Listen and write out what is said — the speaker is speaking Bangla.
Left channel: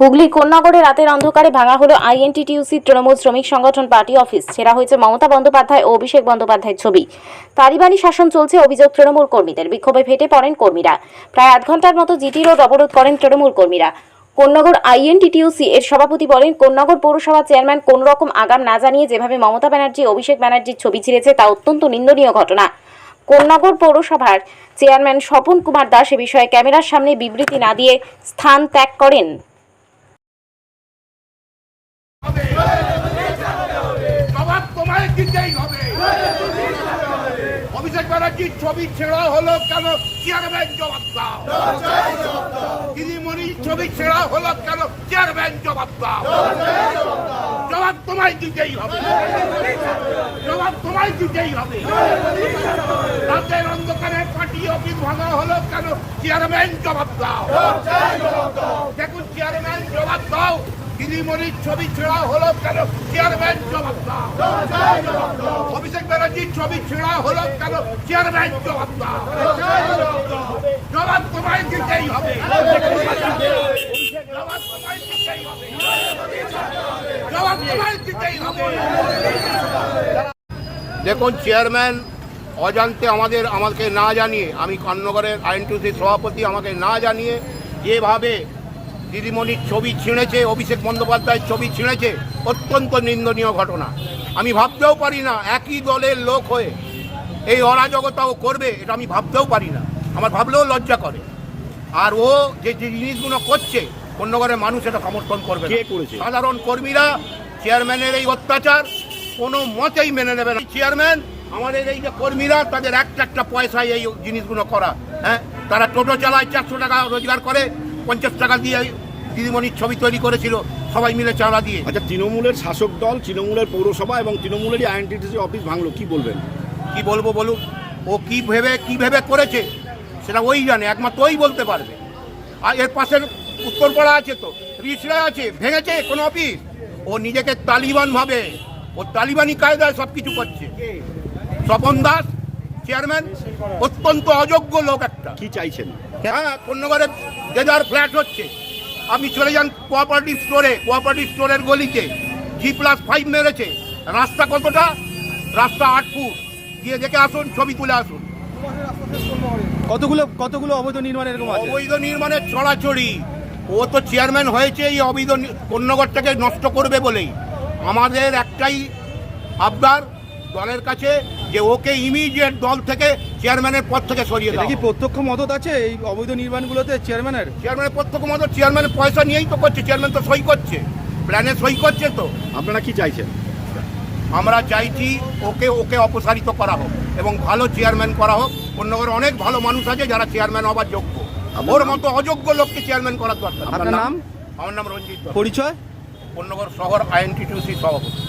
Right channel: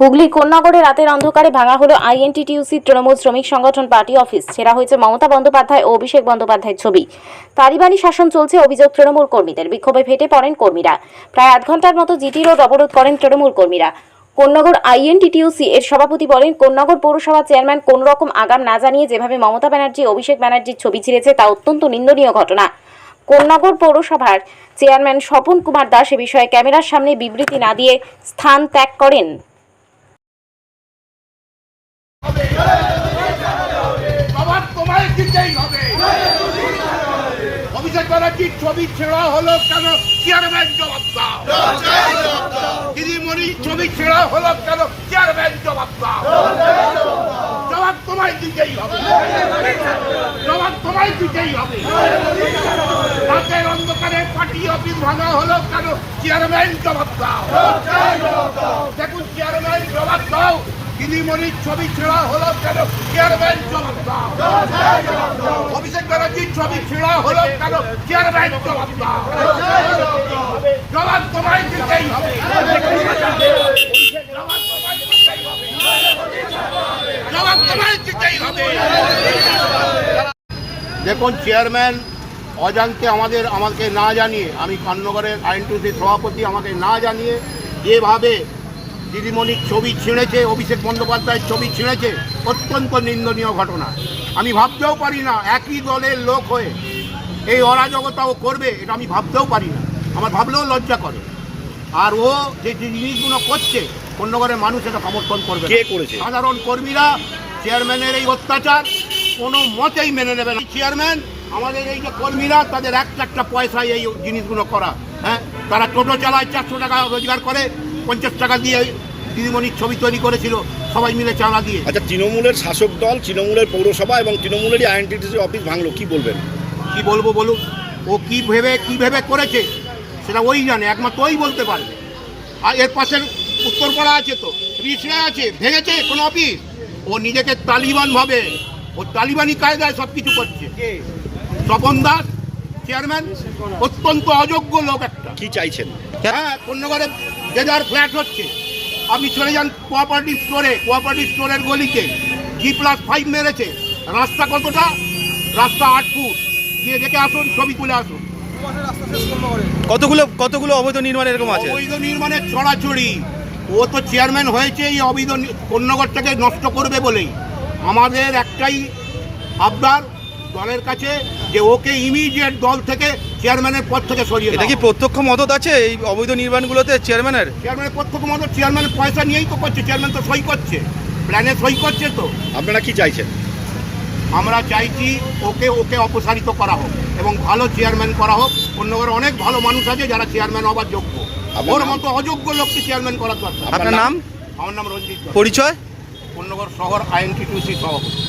হুগলি কোন্নগরে রাতের অন্ধকারে ভাঙা হলো আইএনটিটিইউসি তৃণমূল শ্রমিক সংগঠন পার্টি অফিস। ছেঁড়া হয়েছে মমতা বন্দ্যোপাধ্যায় ও অভিষেক বন্দ্যোপাধ্যায়ের ছবি। তালিবানি শাসন চলছে অভিযোগ তৃণমূল কর্মীদের। বিক্ষোভে ফেটে পড়েন কর্মীরা। প্রায় আধ ঘন্টার মতো জিটি রোড অবরোধ করেন তৃণমূল কর্মীরা। কোন্নগর আইএনটিটিইউসি এর সভাপতি বলেন, কোন্নগর পৌরসভা চেয়ারম্যান কোন রকম আগাম না জানিয়ে যেভাবে মমতা ব্যানার্জি অভিষেক ব্যানার্জির ছবি ছিঁড়েছে তা অত্যন্ত নিন্দনীয় ঘটনা। কোন্নগর পৌরসভার চেয়ারম্যান স্বপন কুমার দাস এ বিষয়ে ক্যামেরার সামনে বিবৃতি না দিয়ে স্থান ত্যাগ করেন। অভিষেক ব্যানার্জির ছবি ছেঁড়া হলো কেন? চেয়ারম্যান জবাব দাও। দিদিমণির ছবি ছেঁড়া হলো কেন? চেয়ারম্যান জবাব দাও। জবাব তোমায় দিতেই হবে। জবাব তোমায় দিতেই হবে। রাতের অন্ধকারে পার্টি অফিস ভাঙা হলো কেন? চেয়ারম্যান জবাব দাও। দেখুন, চেয়ারম্যান জবাব দাও। দিদিমণির ছবি ছেঁড়া হলো কেন? চেয়ারম্যান জবাব দাও। অভিষেক ব্যানার্জির ছবি ছেঁড়া হলো কেন? চেয়ারম্যান জবাব দাও। জবাব তোমায় দিতেই হবে। জবাব তোমায় দিতেই হবে। দেখুন, চেয়ারম্যান অজান্তে আমাকে না জানিয়ে, আমি কোন্নগরের আইএনটিটিইউসির সভাপতি, আমাকে না জানিয়ে যেভাবে দিদিমণির ছবি ছিঁড়েছে, অভিষেক বন্দ্যোপাধ্যায়ের ছবি ছিঁড়েছে, অত্যন্ত নিন্দনীয় ঘটনা। আমি ভাবতেও পারি না একই দলের লোক হয়ে এই অরাজকতাও করবে, এটা আমি ভাবতেও পারি না। আমার ভাবলেও লজ্জা করে। আর ও যে জিনিসগুলো করছে, কোন্নগরের মানুষ এটা সমর্থন করবে। কে করেছে? সাধারণ কর্মীরা চেয়ারম্যানের এই অত্যাচার কোনো মতেই মেনে নেবে না। চেয়ারম্যান, আমাদের এই যে কর্মীরা, তাদের একটা পয়সায় এই জিনিসগুলো করা। হ্যাঁ, তারা টোটো চালায়, 400 টাকা রোজগার করে, 50 টাকা দিয়ে দিদিমণির ছবি তৈরি করেছিল সবাই মিলে চাঁদা দিয়ে। আচ্ছা, তৃণমূলের শাসক দল, তৃণমূলের পৌরসভা এবং তৃণমূলেরই আইএনটিটিইউসি অফিস ভাঙলো, কি বলবেন? কি বলবো বলুন? ও কি ভেবে করেছে সেটা ওই জানে, একমাত্র ওই বলতে পারবে। আর এর পাশের উত্তরপাড়া আছে, তো রিসরা আছে, ভেঙেছে কোনো অফিস। ও নিজেকে তালিবান ভাবে, ও তালিবানি কায়দায় সব কিছু করছে। স্বপন দাস চেয়ারম্যান অত্যন্ত অযোগ্য লোক একটা। কি চাইছেন? হ্যাঁ, কোন্নগরে দেদার ফ্ল্যাট হচ্ছে। আপনি চলে যান কোঅপারেটিভ স্টোরের গলিতে G+5 মেরেছে। রাস্তা কতটা? রাস্তা 8 ফুট। গিয়ে দেখে আসুন, ছবি তুলে আসুন। কতগুলো অবৈধ নির্মাণ এরকম আছে? অবৈধ নির্মাণের ছড়াছড়ি। ও তো চেয়ারম্যান হয়েছে এই অবৈধ কোন্নগরটাকে নষ্ট করবে বলেই। আমাদের একটাই আবদার দলের কাছে যে ওকে ইমিডিয়েট দল থেকে চেয়ারম্যানের পদ থেকে সরিয়ে এটা কি প্রত্যক্ষ মদত আছে এই অবৈধ নির্মাণগুলোতে চেয়ারম্যানের? চেয়ারম্যানের প্রত্যক্ষ মদত, চেয়ারম্যানের পয়সা নিয়েই তো করছে। চেয়ারম্যান তো সই করছে, প্ল্যানে সই করছে। তো আপনারা কি চাইছেন? আমরা চাইছি ওকে অপসারিত করা হোক এবং ভালো চেয়ারম্যান করা হোক। কোন্নগরে অনেক ভালো মানুষ আছে যারা চেয়ারম্যান হবার যোগ্য। ওর মতো অযোগ্য লোককে চেয়ারম্যান করার দরকার। আপনার নাম? আমার নাম রঞ্জিত। পরিচয়? কোন্নগর শহর আইএনটিটিইউসি সভাপতি।